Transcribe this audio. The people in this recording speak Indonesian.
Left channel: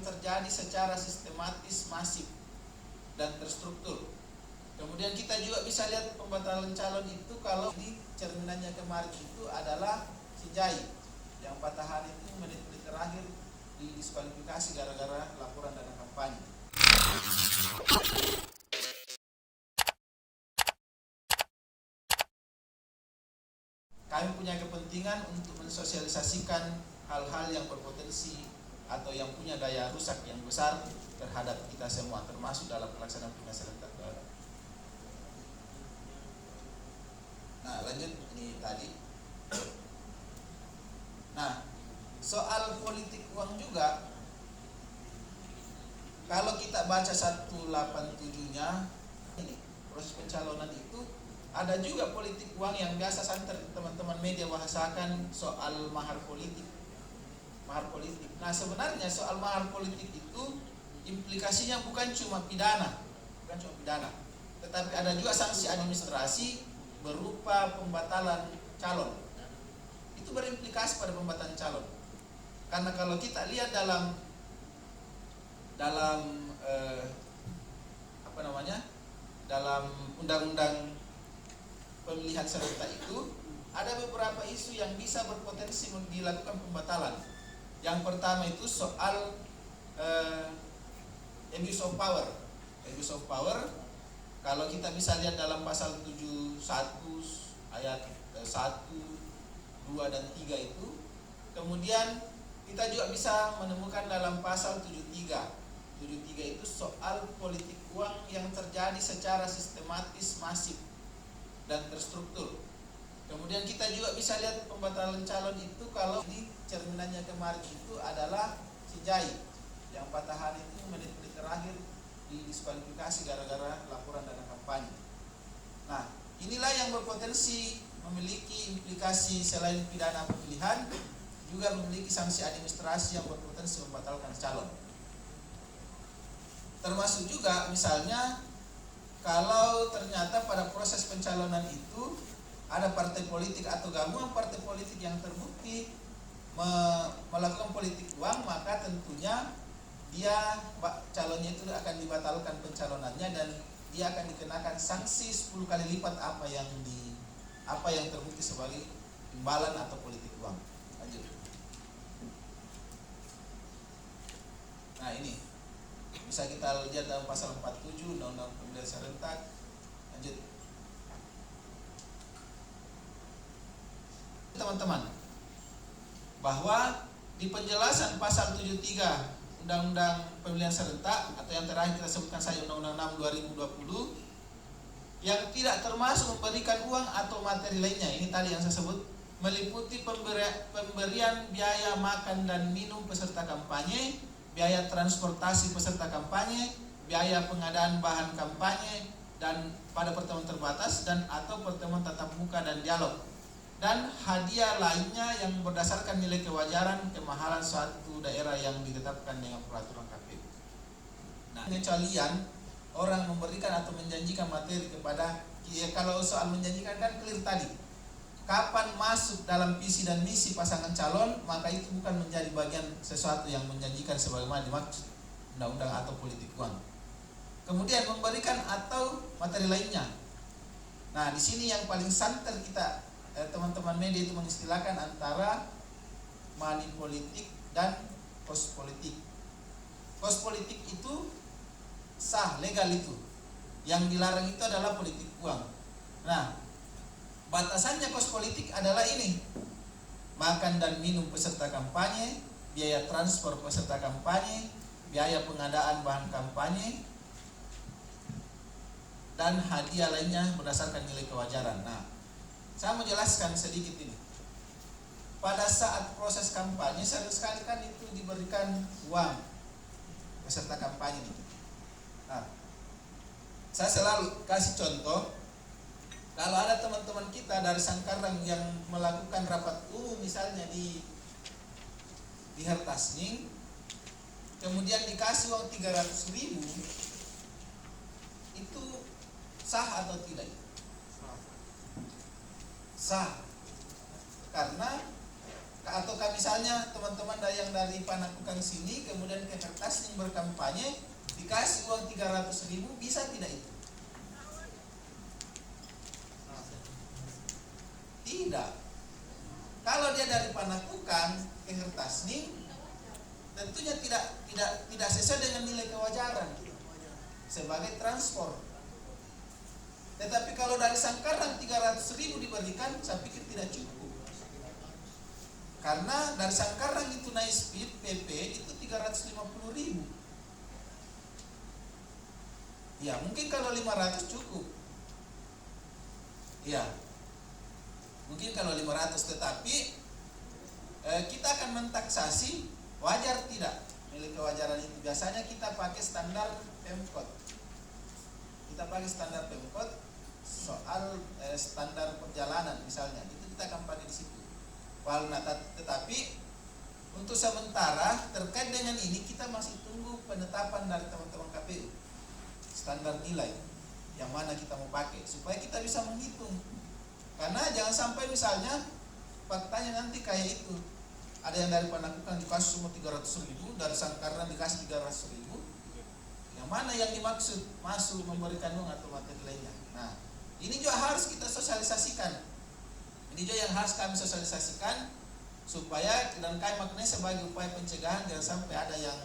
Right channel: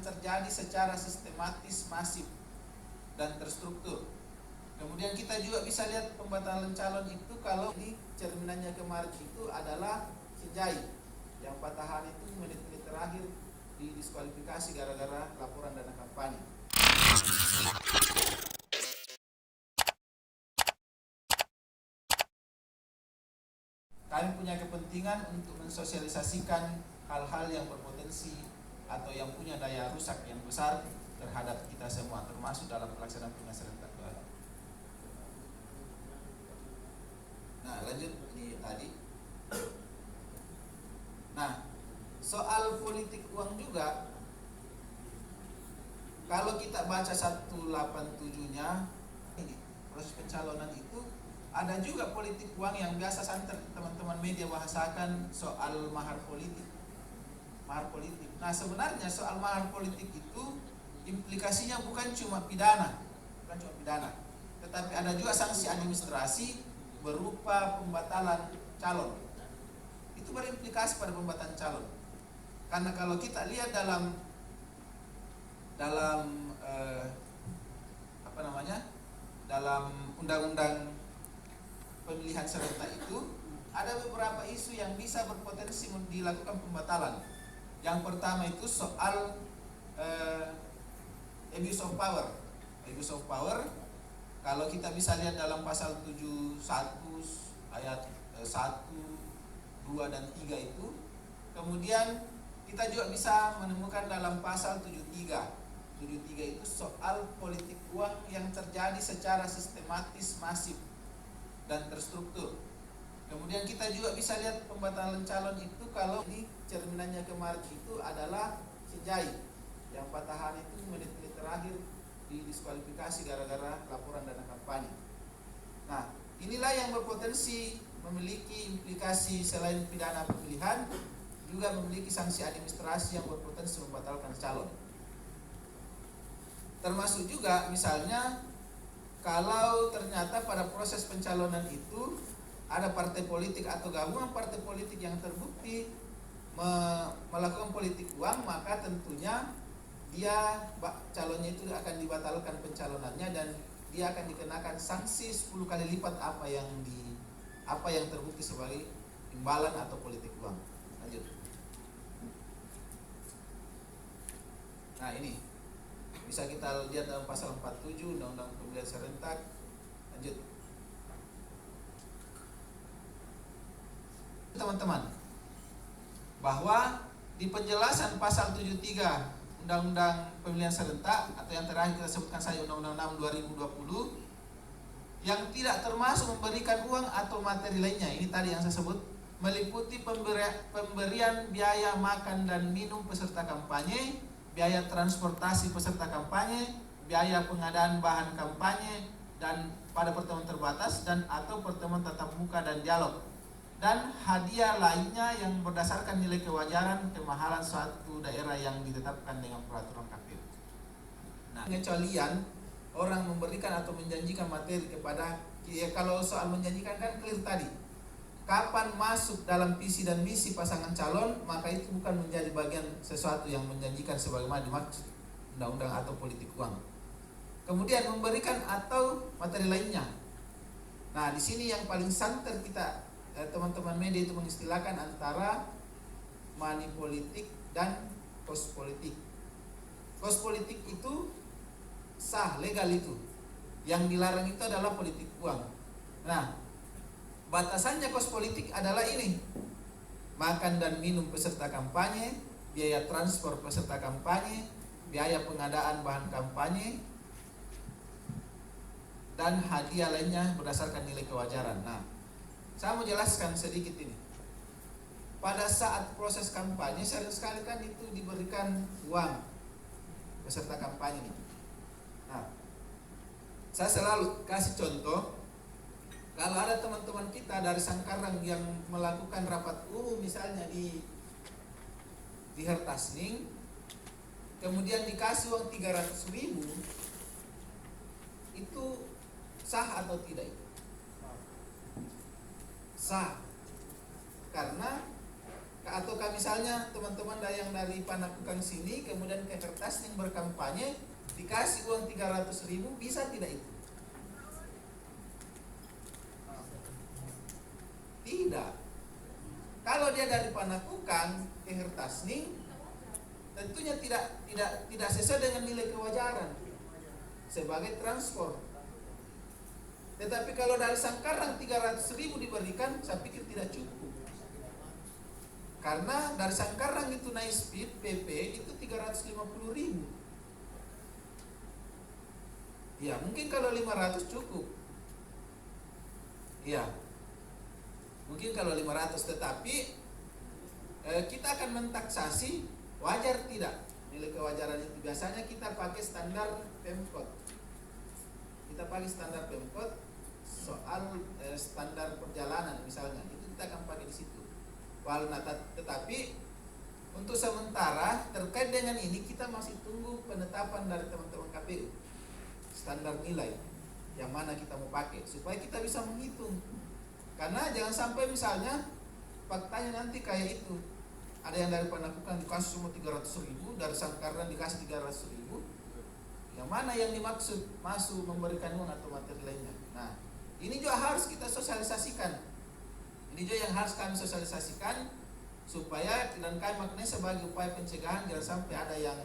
yang terjadi secara sistematis, masif, dan terstruktur. Kemudian kita juga bisa lihat pembatalan calon itu kalau di cerminannya kemarin itu adalah Sijai yang patah hati itu menit-menit terakhir didiskualifikasi gara-gara laporan dana kampanye. Kami punya kepentingan untuk mensosialisasikan hal-hal yang berpotensi atau yang punya daya rusak yang besar terhadap kita semua, termasuk dalam pelaksanaan pemilihan serentak. Nah, lanjut ini tadi. Nah, soal politik uang juga, kalau kita baca 187-nya, ini proses pencalonan itu ada juga politik uang yang biasa santer teman-teman media bahasakan soal mahar politik. Mahar politik. Nah, sebenarnya soal mahar politik itu implikasinya bukan cuma pidana, tetapi ada juga sanksi administrasi berupa pembatalan calon. Itu berimplikasi pada pembatalan calon. Karena kalau kita lihat dalam dalam undang-undang pemilihan serentak itu ada beberapa isu yang bisa berpotensi dilakukan pembatalan. Yang pertama itu soal abuse of power. Abuse of power, kalau kita bisa lihat dalam pasal 71 ayat 1, 2 dan 3 itu. Kemudian kita juga bisa menemukan dalam pasal 73. 73 itu soal politik uang yang terjadi secara sistematis, masif, dan terstruktur. Kemudian kita juga bisa lihat pembatalan calon itu kalau di cerminannya kemarin itu adalah Sijai yang patah hati itu menit-menit terakhir didiskualifikasi gara-gara laporan dana kampanye. Nah, inilah yang berpotensi memiliki implikasi selain pidana pemilihan, juga memiliki sanksi administrasi yang berpotensi membatalkan calon. Termasuk juga misalnya kalau ternyata pada proses pencalonan itu ada partai politik atau gabungan partai politik yang terbukti melakukan politik uang, maka tentunya dia calonnya itu akan dibatalkan pencalonannya dan dia akan dikenakan sanksi 10 kali lipat apa yang terbukti sebagai imbalan atau politik uang. Lanjut. Nah, ini bisa kita lihat dalam pasal 47 Undang-Undang Pemilihan Serentak. Lanjut. Teman-teman, bahwa di penjelasan pasal 73 Undang-Undang Pemilihan Serentak atau yang terakhir kita sebutkan saja Undang-Undang 6 2020 yang tidak termasuk memberikan uang atau materi lainnya, ini tadi yang saya sebut, meliputi pemberian biaya makan dan minum peserta kampanye, biaya transportasi peserta kampanye, biaya pengadaan bahan kampanye dan pada pertemuan terbatas dan atau pertemuan tatap muka dan dialog, dan hadiah lainnya yang berdasarkan nilai kewajaran kemahalan suatu daerah yang ditetapkan dengan peraturan KPU. Nah, pengecualian orang memberikan atau menjanjikan materi kepada, kalau soal menjanjikan kan clear tadi, kapan masuk dalam visi dan misi pasangan calon, maka itu bukan menjadi bagian sesuatu yang menjanjikan sebagaimana dimaksud undang-undang atau politik uang. Kemudian memberikan atau materi lainnya. Nah, di sini yang paling santer kita teman-teman media itu mengistilahkan antara money politik dan cost politik. Cost politik itu sah, legal itu. Yang dilarang itu adalah politik uang. Nah, batasannya cost politik adalah ini: makan dan minum peserta kampanye, biaya transport peserta kampanye, biaya pengadaan bahan kampanye, dan hadiah lainnya berdasarkan nilai kewajaran. Nah, saya mau jelaskan sedikit ini. Pada saat proses kampanye sering sekali kan itu diberikan uang peserta kampanye itu. Nah, saya selalu kasih contoh, kalau ada teman-teman kita dari Sangkarang yang melakukan rapat umum misalnya di Hertasning, kemudian dikasih uang 300.000, itu sah atau tidak itu? Sah. Karena Ataukah misalnya teman-teman yang dari Panakukang sini kemudian ke Pertasning berkampanye dikasih uang 300.000, bisa tidak itu? Tidak. Kalau dia dari Panakukang ke Kertasning, tentunya tidak sesuai dengan nilai kewajaran sebagai transport. Tetapi kalau dari Sangkarang 300.000 diberikan, saya pikir tidak cukup. Karena dari Sangkarang itu naik speed PP itu 350.000. Ya, mungkin kalau 500 cukup. Ya, mungkin kalau 500, tetapi kita akan mentaksasi wajar tidak nilai kewajaran itu. Biasanya kita pakai standar Pemkot. Kita pakai standar Pemkot soal standar perjalanan misalnya, itu kita akan pakai di situ. Tetapi untuk sementara terkait dengan ini kita masih tunggu penetapan dari teman-teman KPU standar nilai yang mana kita mau pakai supaya kita bisa menghitung. Karena jangan sampai misalnya faktanya nanti kayak itu, ada yang dari Panakukang dikasih cuma 300.000, dari Sangkarang dikasih 300.000. Yang mana yang dimaksud masuk memberikan uang atau materi lainnya. Nah, ini juga harus kita sosialisasikan. Ini juga yang harus kami sosialisasikan supaya dan kami maknanya sebagai upaya pencegahan jangan sampai ada yang